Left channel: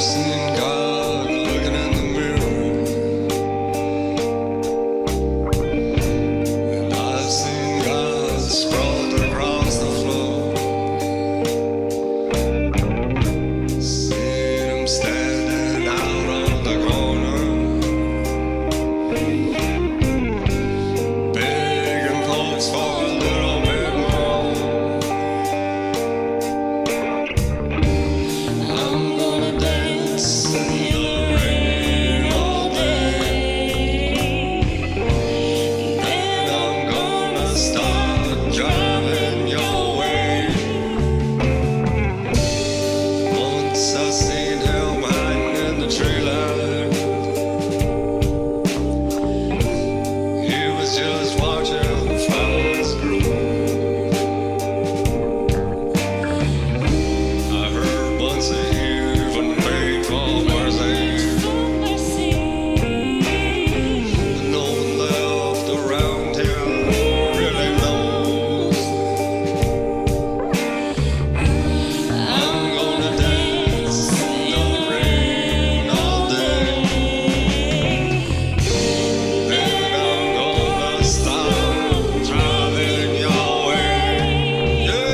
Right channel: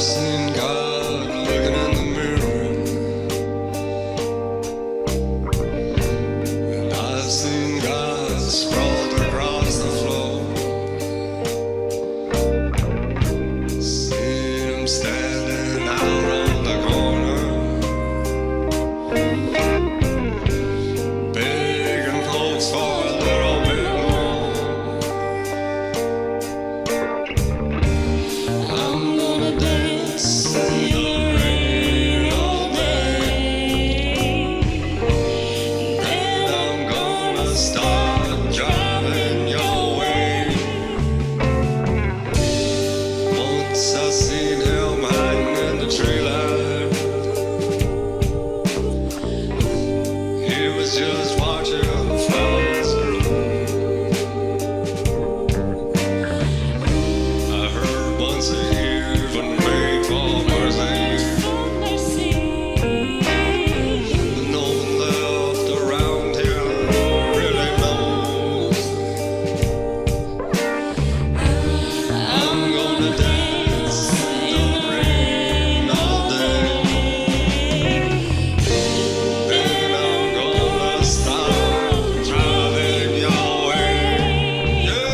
seen God looking in the mirror, and I've seen God sprawled across the floor. Seen him standing out on the corner, begging folks for a little bit more. I'm gonna dance in the rain all day, then I'm gonna start driving your way. Once I seen him hiding in the tree line. He was just watching the flowers grow. I heard once he even begged for mercy, but no one left around him really knows. I'm gonna dance in the rain all day, then I'm gonna start driving your way. Yeah.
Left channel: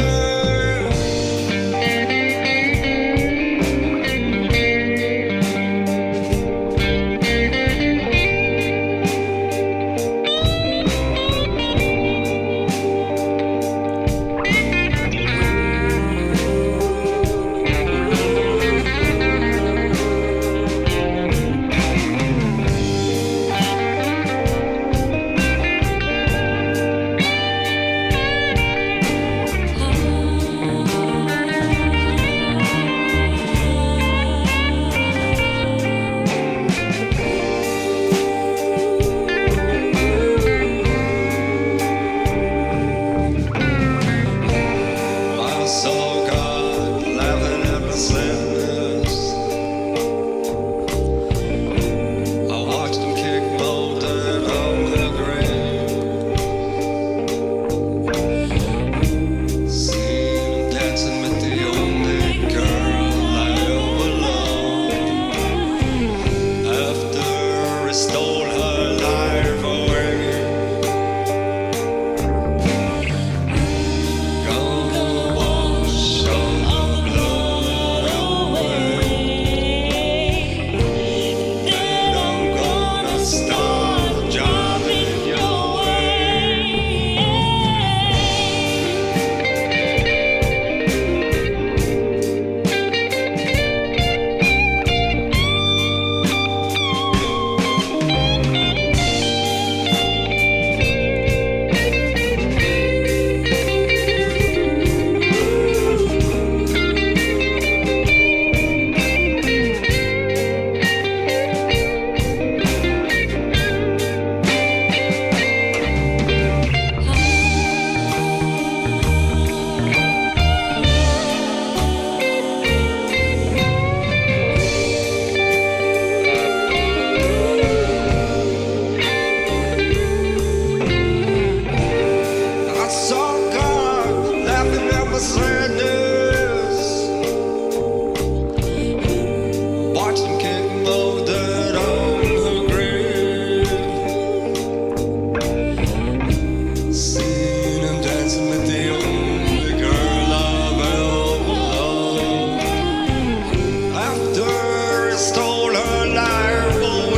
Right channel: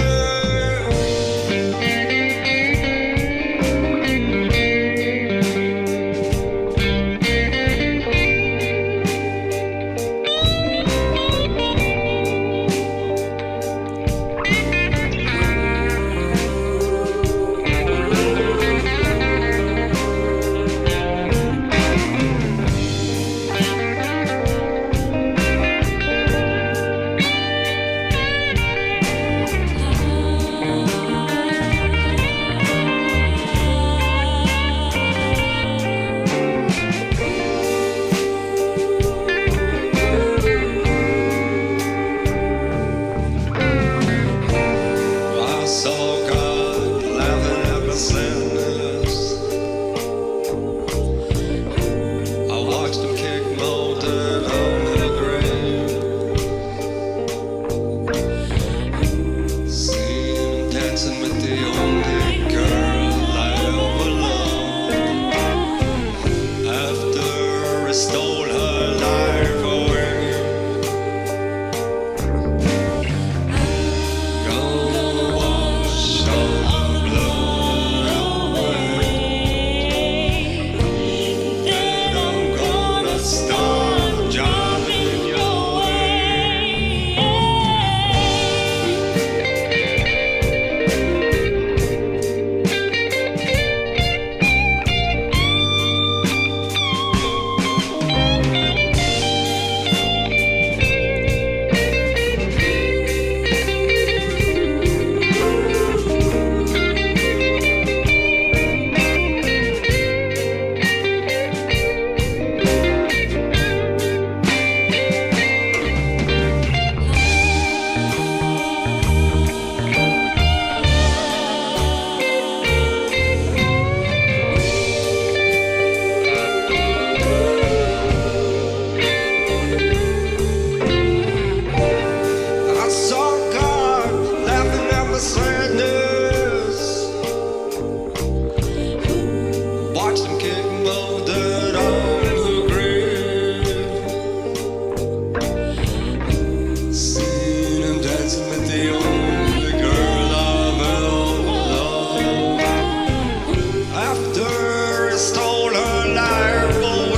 I saw God laughing at my sadness. I watched him kick molded on the grave. Seen him dancing with the only girl I ever loved, after he stole her life away. Gonna wash all the blood away, then I'm gonna start driving your way. I saw God laughing at my sadness. Watched him kick molded on her grave. Seen him dancing with the only girl I've ever loved, after he stole her life away.